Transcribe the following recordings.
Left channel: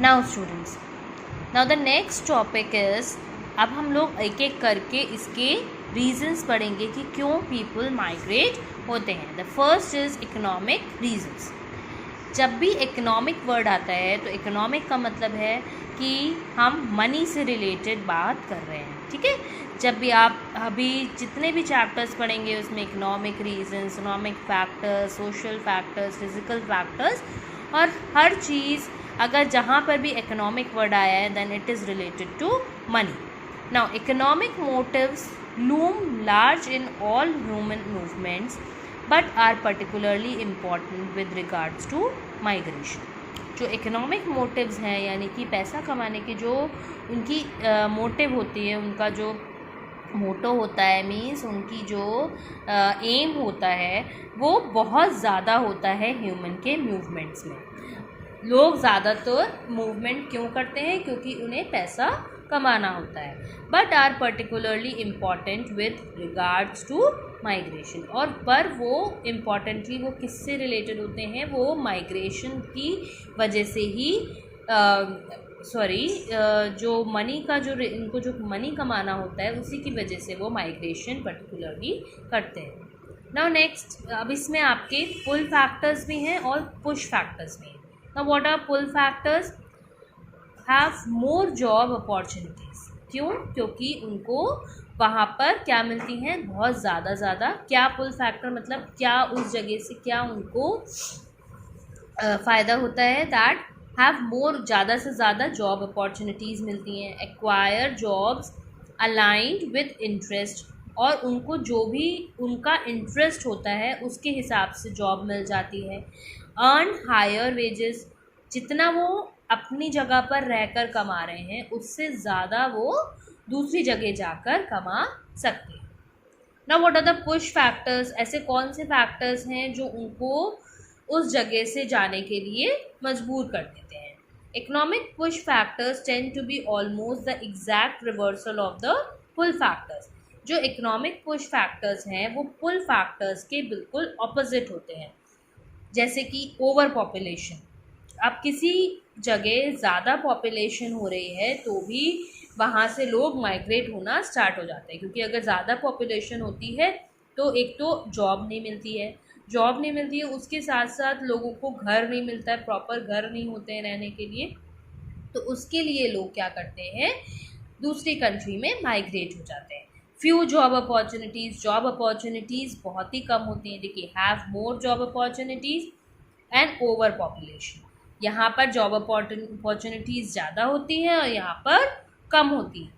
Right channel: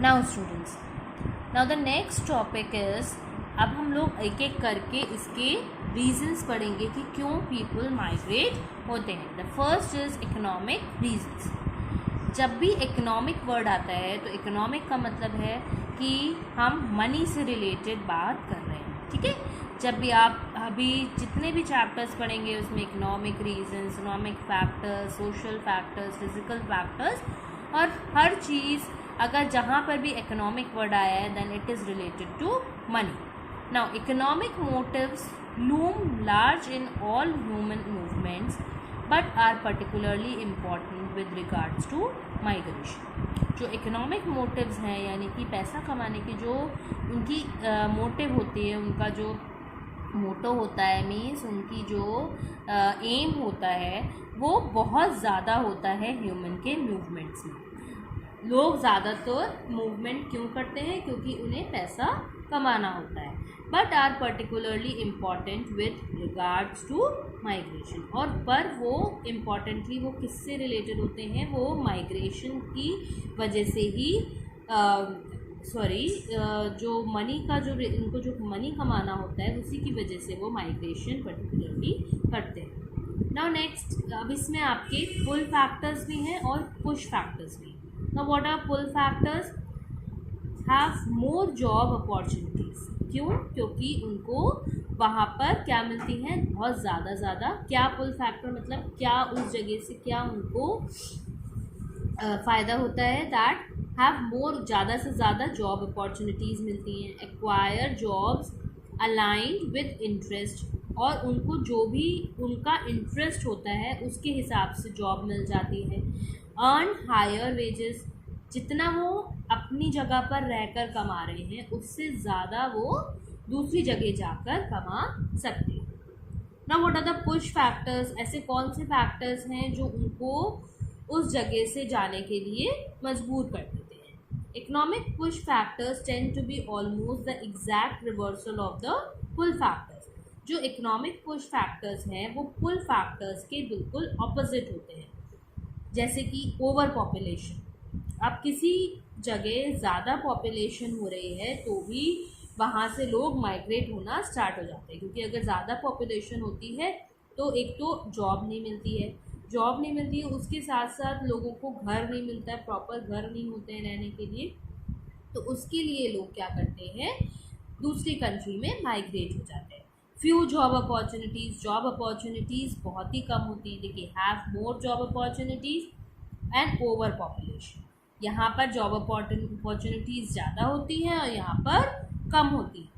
Now students, now the next topic is, अब हम लोग एक एक करके इसके रीजंस पढ़ेंगे कि क्यों पीपल माइग्रेट होते हैं। The first is economic reasons. जब भी इकोनॉमिक वर्ड आता है तो इकोनॉमिक का मतलब है कि हम मनी से रिलेटेड बात कर रहे हैं, ठीक है। जब भी आप अभी जितने भी चैप्टर्स पढ़ेंगे उसमें economic reasons, economic factors, social factors, physical factors, और हर चीज़ अगर जहाँ पर भी इकोनॉमिक वर्ड आया है then it is related to money. Now economic motives loom large in all human movements but are particularly important with regards to migration. जो economic motives हैं यानी कि पैसा कमाने की जो उनकी मोटिव होती है, उनका जो मोटो होता है, मीन्स उनकी जो एम होता है वो बहुत ज़्यादा होता है ह्यूमन के मूवमेंट्स में। लोग ज़्यादातर मूवमेंट क्यों करते हैं? क्योंकि उन्हें पैसा कमाना होता है। But are particularly important with regards to migration, और पर वो इम्पॉर्टेंटली वो किससे रिलेटेड होते हैं? वो माइग्रेशन की वजह से ही जो मनी का जो इनको जो मनी कमाना होता है उसी की वजह से वो माइग्रेशन पर्टिकुलरली करते हैं। नाउ नेक्स्ट, अब इसमें आपके पुल फैक्टर्स भी हैं और पुश फैक्टर्स भी हैं। Now what are pull factors? Have more job opportunities. क्यों? क्योंकि उनको वहाँ पर क्या मिलती हैं? बहुत ज़्यादा। क्या पुल फैक्टर मतलब क्या उस जगह से क्या उनको फ़ायदा होता है? दैट हैव मोर, ज़्यादा से ज़्यादा जॉब अपॉर्चुनिटीज़ मिलती हैं। Acquire jobs aligned with interest, और उनको जो भी उनका इंटरेस्ट होता है उसके हिसाब से जॉब मिल जाती है। अर्न हायर वेजेस, जितना वो अपनी जगह पर रहकर कमा रहे हैं उससे ज़्यादा वो दूसरी जगह जाकर कमा सकते हैं। Now what are the push factors? ऐसे कौन से फैक्टर्स हैं जो उनको उस जगह से जाने के लिए मजबूर कर देते हैं? Economic push factors tend to be almost the exact reversal of the pull factors. जो इकोनॉमिक पुश फैक्टर्स हैं वो पुल फैक्टर्स के बिल्कुल ऑपोजिट होते हैं। जैसे कि ओवर पॉपुलेशन, अब किसी जगह ज़्यादा पॉपुलेशन हो रही है तो भी वहाँ से लोग माइग्रेट होना स्टार्ट हो जाते हैं, क्योंकि अगर ज़्यादा पॉपुलेशन होती है तो एक तो जॉब नहीं मिलती है, उसके साथ साथ लोगों को घर नहीं मिलता है, प्रॉपर घर नहीं होते हैं रहने के लिए, तो उसके लिए लोग क्या करते हैं? दूसरी कंट्री में माइग्रेट हो जाते हैं। फ्यू जॉब अपॉर्चुनिटीज़ बहुत ही कम होती हैं। देखिए, have more job opportunities and over population, यहाँ पर जॉब अपॉर्चुनिटीज़ ज़्यादा होती है और यहाँ पर कम होती है।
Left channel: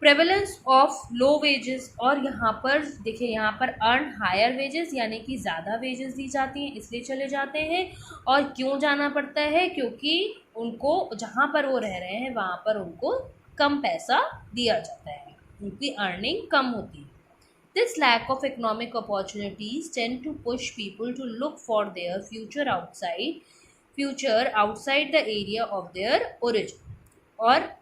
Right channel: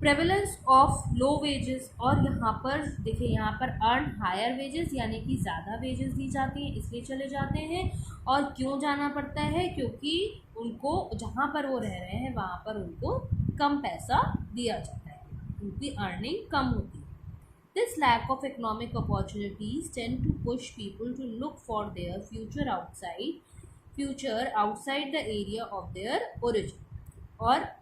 प्रेवलेंस ऑफ लो वेजेस, और यहाँ पर देखिए, यहाँ पर अर्न हायर वेजेस यानी कि ज़्यादा वेजेस दी जाती हैं इसलिए चले जाते हैं। और क्यों जाना पड़ता है? क्योंकि उनको जहाँ पर वो रह रहे हैं वहाँ पर उनको कम पैसा दिया जाता है, उनकी अर्निंग कम होती है। This lack of economic opportunities tend to push people to look for their future outside the area of their origin. और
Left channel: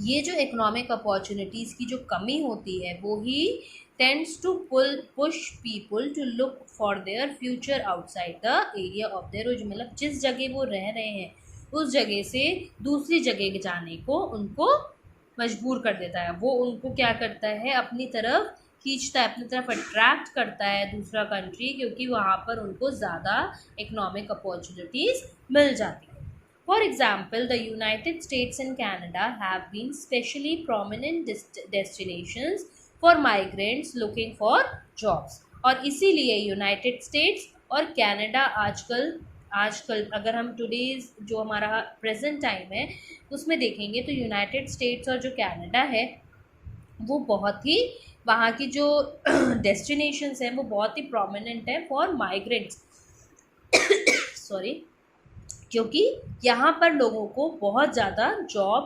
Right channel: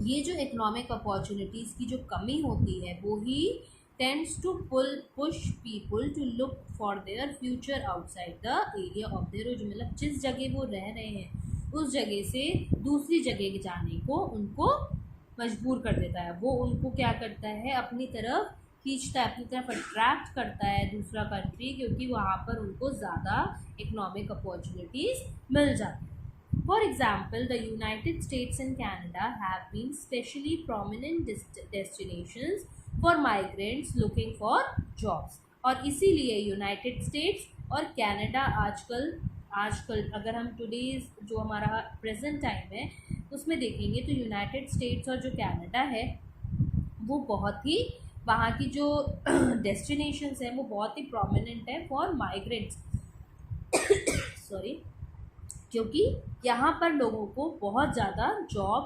ये जो इकोनॉमिक अपॉर्चुनिटीज़ की जो कमी होती है वो ही tends to push people to look for their future outside the area of their origin, मतलब जिस जगह वो रह रहे हैं उस जगह से दूसरी जगह जाने को उनको मजबूर कर देता है। वो उनको क्या करता है? अपनी तरफ खींचता है, अपनी तरफ अट्रैक्ट करता है दूसरा कंट्री, क्योंकि वहाँ पर उनको ज़्यादा इकोनॉमिक अपॉर्चुनिटीज़ मिल जाती है। For example, the United States and Canada have been specially prominent destinations for migrants looking for jobs. और इसीलिए यूनाइटेड स्टेट्स और कनाडा आजकल अगर हम टुडेज जो हमारा प्रेजेंट टाइम है उसमें देखेंगे तो यूनाइटेड स्टेट्स और जो कनाडा है वो बहुत ही वहाँ की जो डेस्टिनेशंस हैं वो बहुत ही प्रोमिनेंट है फॉर माइग्रेंट्स क्योंकि यहाँ पर लोगों को बहुत ज़्यादा जॉब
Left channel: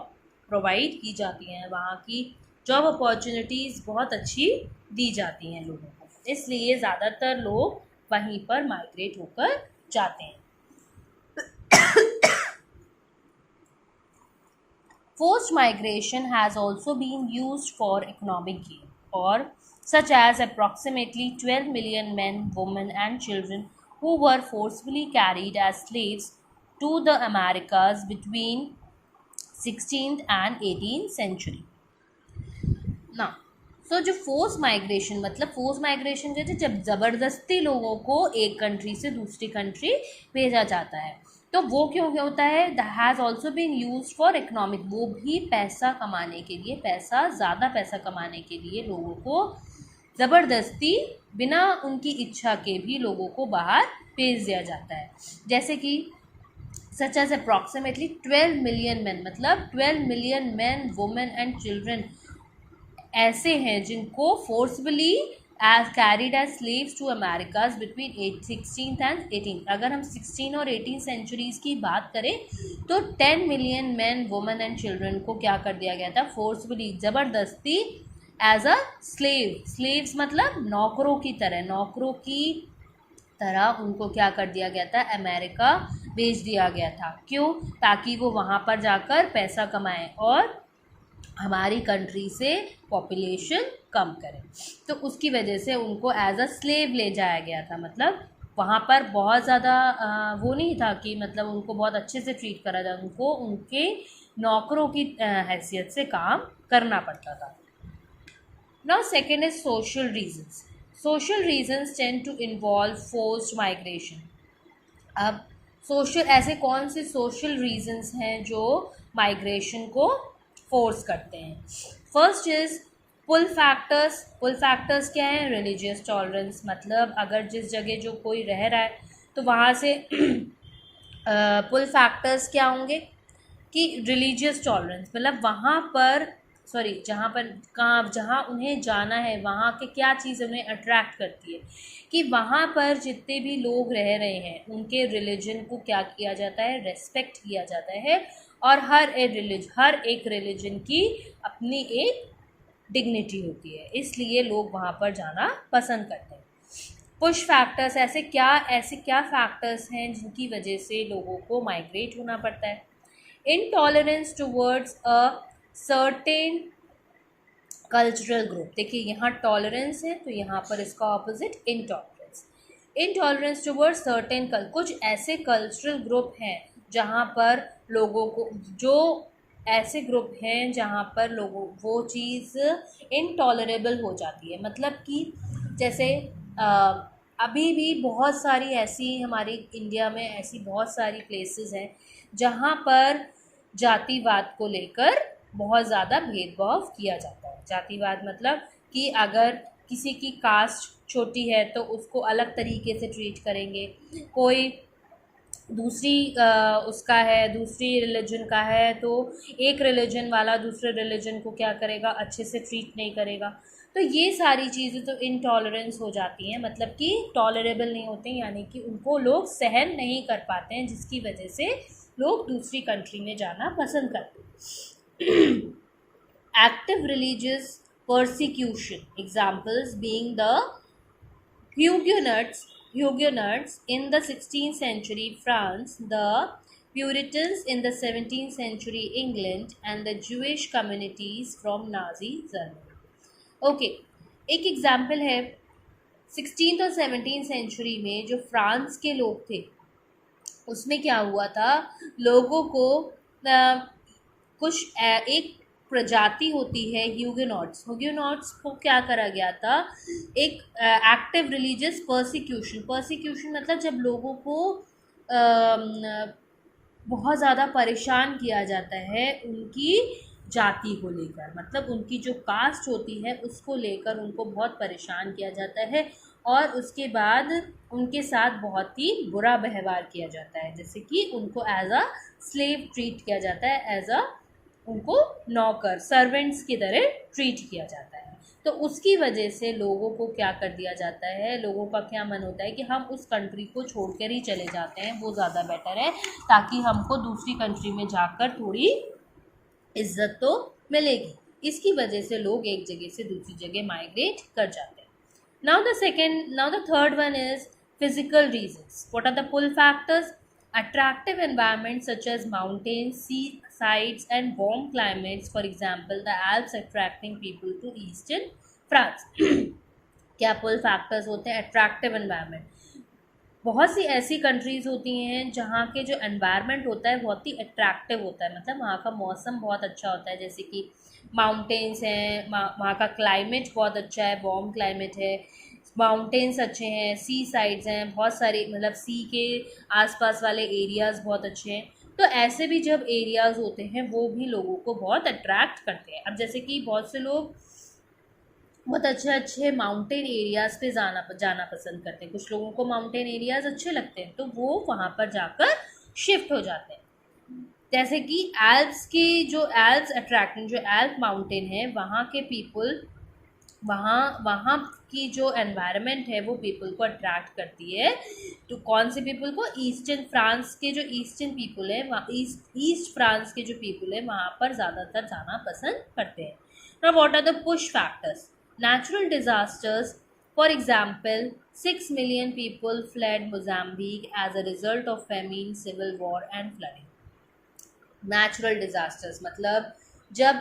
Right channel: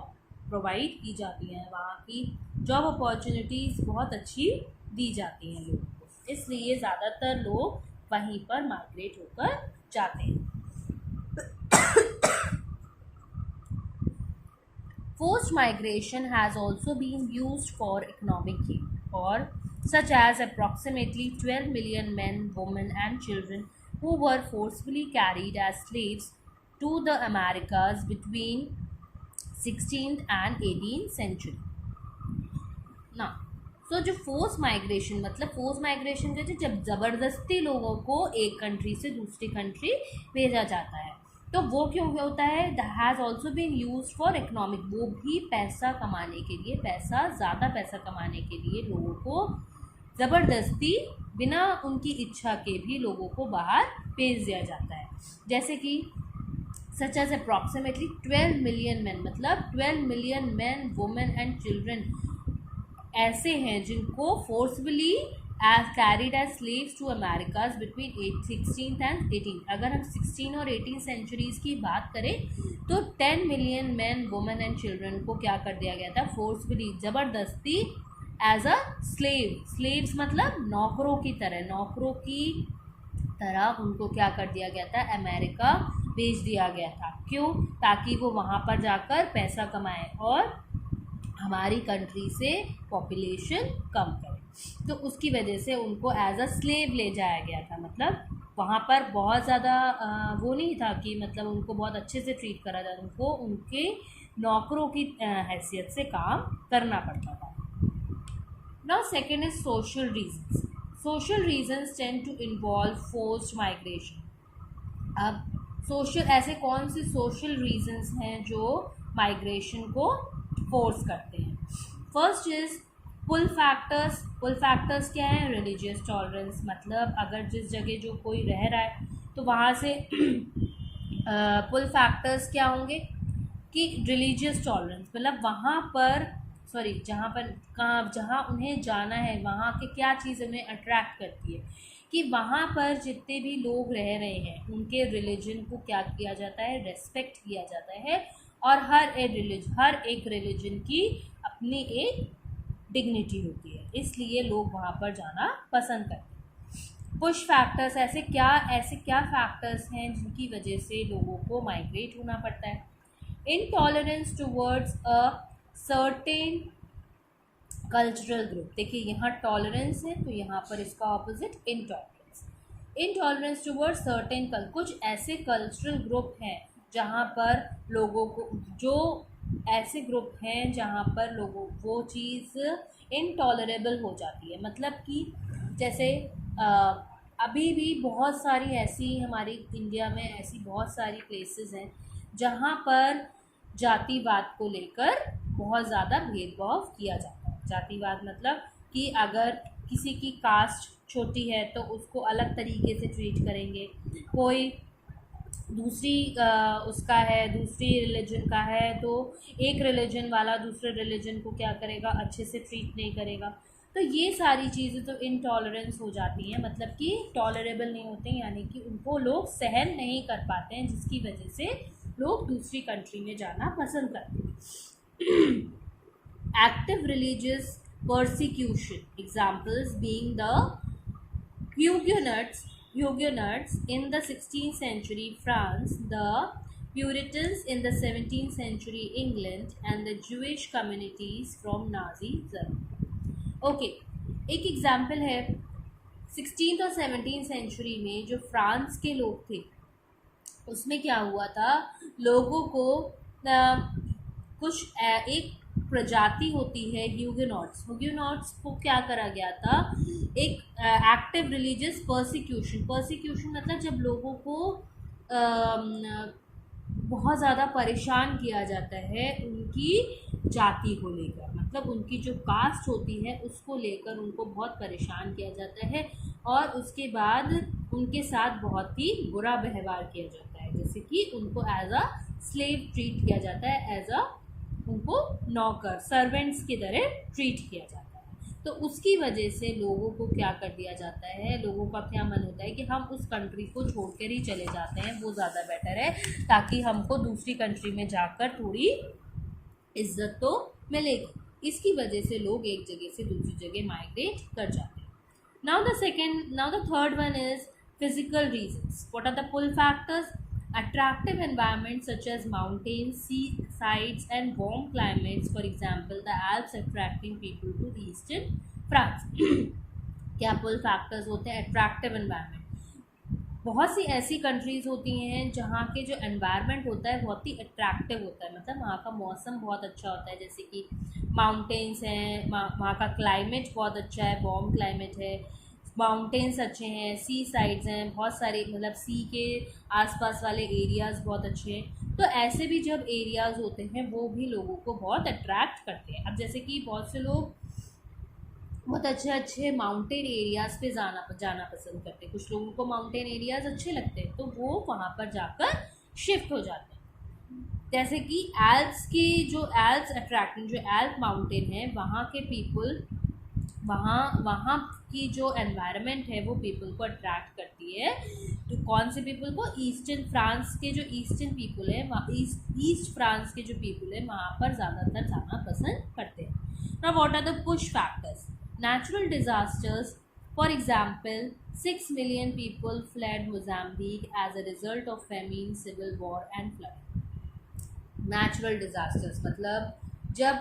प्रोवाइड की जाती हैं, वहाँ की जॉब अपॉर्चुनिटीज़ बहुत अच्छी दी जाती हैं लोगों को, इसलिए ज़्यादातर लोग वहीं पर माइग्रेट होकर जाते हैं। Forced migration has also been used for economic gain, or such as approximately 12 million men, women and children who were forcibly carried as slaves to the Americas between 16th and 18th century. Now, so जो force migration, मतलब force migration जो है जब ज़बरदस्ती लोगों को एक country से दूसरी कंट्री भेजा जाता है, तो वो क्यों होता है? That has also been use for economic, वो भी पैसा कमाने के लिए, ज़्यादा पैसा कमाने के लिए लोगों को ज़बरदस्ती बिना उनकी इच्छा के भी लोगों को बाहर भेज दिया जाता है. जैसे कि such as approximately 12 million man, मतलब 12 million man, women and children ऐसे हैं जिनको forcefully as carried as slaves to Americas between 16th and 18th. अगर हम 16 और 18 सेंचुरीज़ की बात करें तो 10 million man, women and children को क्या कर दिया गया था? फोर्सफुली, ज़बरदस्ती एज अ स्लेव्स मतलब नौकरों की तरह उनको क्या कर दिया गया था? अमेरिका भेज दिया गया था. क्यों? ताकि वो वहाँ पर जाकर पैसा कमाएं और हमारी कंट्री से पॉपुलेशन कम करें. तो उसकी वजह से उनको एज अ स्लेव ले जाया गया था. मतलब वहाँ पर बहुत ज़्यादा वो नहीं था कि मतलब उनको बहुत अच्छे से ट्रीट करा जाए, उनको उनके नौकरों की हैसियत से काम करना पड़ता था. Now second is social reasons. Social reasons tend to involve forced migration. अब ऐसे कौन से सोशल रीजंस हैं जो माइग्रेशन को फोर्स करते हैं? First is pull factors. Pull factors क्या है? रिलीजियस टॉलरेंस, मतलब अगर जिस जगह जो कोई रह रहा है तो वहाँ से पुल फैक्टर्स क्या होंगे कि रिलीजियस टॉलरेंस, मतलब वहाँ पर जहाँ उन्हें जाना है वहाँ के क्या चीज़ उन्हें अट्रैक्ट करती है कि वहाँ पर जितने भी लोग रह रहे हैं उनके रिलीजन को क्या किया जाता है? रेस्पेक्ट किया जाता है. और हर एक रिलीजन की अपनी एक डिग्निटी होती है, इसलिए लोग वहाँ पर जाना पसंद करते हैं. पुश फैक्टर्स, ऐसे क्या फैक्टर्स हैं जिनकी वजह से लोगों को माइग्रेट होना पड़ता है? Intolerance towards a certain cultural group. देखिए यहाँ टॉलरेंस है तो यहाँ पर इसका ऑपोजिट इनटॉलरेंस टुवर्ड्स सर्टेन कुछ ऐसे कल्चरल ग्रुप हैं जहाँ पर लोगों को, जो ऐसे ग्रुप हैं जहाँ पर लोगों वो चीज़ इनटॉलरेबल हो जाती है. मतलब कि जैसे अभी भी बहुत सारी ऐसी हमारी इंडिया में ऐसी बहुत सारी प्लेसेस हैं जहाँ पर जातिवाद को लेकर बहुत ज़्यादा भेदभाव किया जाता है. जातिवाद मतलब कि अगर किसी की कास्ट छोटी है तो उसको अलग तरीके से ट्रीट करेंगे, कोई दूसरी उसका है, दूसरी रिलीजन का है तो एक रिलीजन वाला दूसरे रिलीजन को क्या करेगा? अच्छे से ट्रीट नहीं करेगा. तो ये सारी चीज़ें तो इनटॉलरेंस हो जाती हैं, मतलब कि टॉलरेबल नहीं होते हैं, यानी कि उनको लोग सहन नहीं कर पाते हैं, जिसकी वजह से लोग दूसरी कंट्री में जाना पसंद करते हैं. Active religious persecution, examples being the Huguenots in the 16th century France, the Puritans in the 17th century England, and the Jewish communities from Nazi Germany. Okay, एक एग्जाम्पल है 16th और 17th सेंचुरी में जो France के लोग थे उसमें क्या हुआ था? लोगों को कुछ एक प्रजाति होती है ह्यूगेनॉट्स को क्या करा गया था? एक एक्टिव रिलीजियस परसिक्यूशन मतलब जब लोगों को बहुत ज़्यादा परेशान किया जाता है उनकी जाति को लेकर, मतलब उनकी जो कास्ट होती है उसको लेकर उनको बहुत परेशान किया जाता है और उसके बाद उनके साथ बहुत ही बुरा व्यवहार किया जाता है, जैसे कि उनको एज अ स्लेव ट्रीट किया जाता है, एज अ उनको नौकर सर्वेंट्स की तरह ट्रीट किया जाता है. तो उसकी वजह से लोगों को क्या कर दिया जाता है? लोगों का क्या मन होता है कि हम उस कंट्री को छोड़कर ही चले जाते हैं, वो ज़्यादा बेटर है, ताकि हमको दूसरी कंट्री में जाकर थोड़ी इज्जत तो मिलेगी. इसकी वजह से लोग एक जगह से दूसरी जगह माइग्रेट कर जाते हैं. Now the third one is physical reasons. What are the pull factors? Attractive environments such as mountains, seasides, and warm climates, for example, the Alps attracting people to eastern France. क्या पुल factors होते हैं? Attractive environment, बहुत सी ऐसी countries होती हैं जहाँ के जो एनवायरनमेंट होता है बहुत ही अट्रैक्टिव होता है, मतलब वहाँ का मौसम बहुत अच्छा होता है, जैसे कि माउंटेन्स हैं, वहाँ का क्लाइमेट बहुत अच्छा है, वार्म क्लाइमेट है, माउंटेन्स अच्छे हैं, सी साइड्स हैं बहुत सारी, मतलब सी के आसपास वाले एरियाज़ बहुत अच्छे हैं। तो ऐसे भी जब एरियाज़ होते हैं वो भी लोगों को बहुत अट्रैक्ट करते हैं। अब जैसे कि बहुत से लोग बहुत अच्छे अच्छे माउंटेन एरियाज़ पे जाना पसंद करते हैं, कुछ लोगों को माउंटेन एरियाज़ अच्छे लगते हैं तो वो वहाँ पर जाकर शिफ्ट हो जाते हैं। जैसे कि एल्प्स की जो एल्प्स अट्रैक्शन, जो एल्प माउंटेन है वहाँ के पीपल, वहाँ वहाँ की जो एनवायरनमेंट है वो पीपल को अट्रैक्ट करती है। तो कौन से पीपल को? ईस्टर्न फ्रांस के जो ईस्टर्न पीपल है, वहाँ ईस्ट फ्रांस के जो पीपल है वहाँ पर ज़्यादातर जाना पसंद करते हैं। Now what are the push factors? Natural disasters, for example, 6 million people fled Mozambique as a result of famine, civil war and flooding. Natural disasters मतलब जब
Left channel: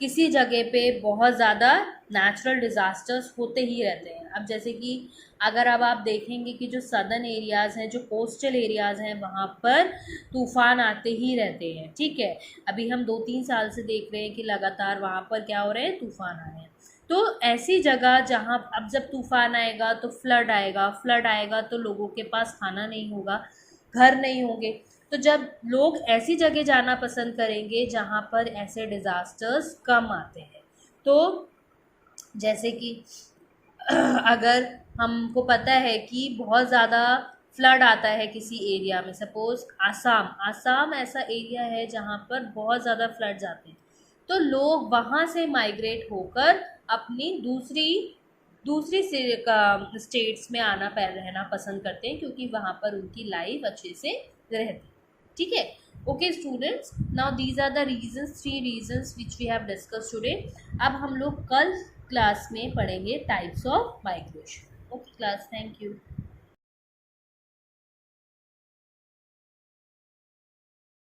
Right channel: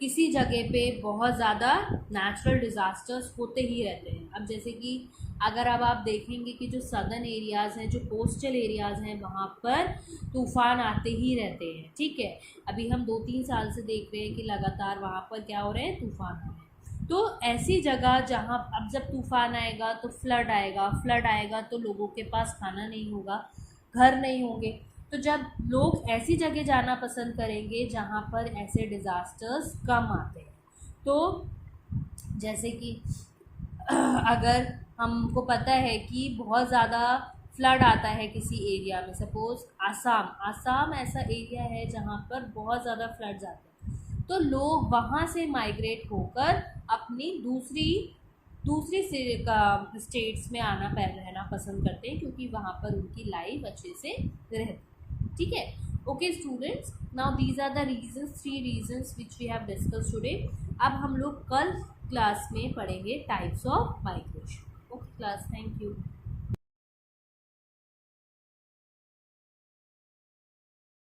किसी जगह पे बहुत ज़्यादा नेचुरल डिज़ास्टर्स होते ही रहते हैं। अब जैसे कि अगर अब आप देखेंगे कि जो सदर्न एरियाज़ हैं, जो कोस्टल एरियाज़ हैं, वहाँ पर तूफ़ान आते ही रहते हैं, ठीक है। अभी हम 2-3 साल से देख रहे हैं कि लगातार वहाँ पर क्या हो रहे हैं, तूफ़ान आ रहे हैं। तो ऐसी जगह जहाँ अब जब तूफ़ान आएगा तो फ्लड आएगा तो लोगों के पास खाना नहीं होगा, घर नहीं होंगे। तो जब लोग ऐसी जगह जाना पसंद करेंगे जहाँ पर ऐसे डिज़ास्टर्स कम आते हैं। तो जैसे कि अगर हमको पता है कि बहुत ज़्यादा फ्लड आता है किसी एरिया में, सपोज़ आसाम ऐसा एरिया है जहाँ पर बहुत ज़्यादा फ्लड्स आते हैं, तो लोग वहाँ से माइग्रेट होकर अपनी दूसरी स्टेट्स में रहना पसंद करते हैं, क्योंकि वहाँ पर उनकी लाइफ अच्छे से रहती, ठीक है। Okay students, now these are the reasons, 3 reasons which we have discuss today. अब हम लोग कल क्लास में पढ़ेंगे types of migration. Okay class, thank you.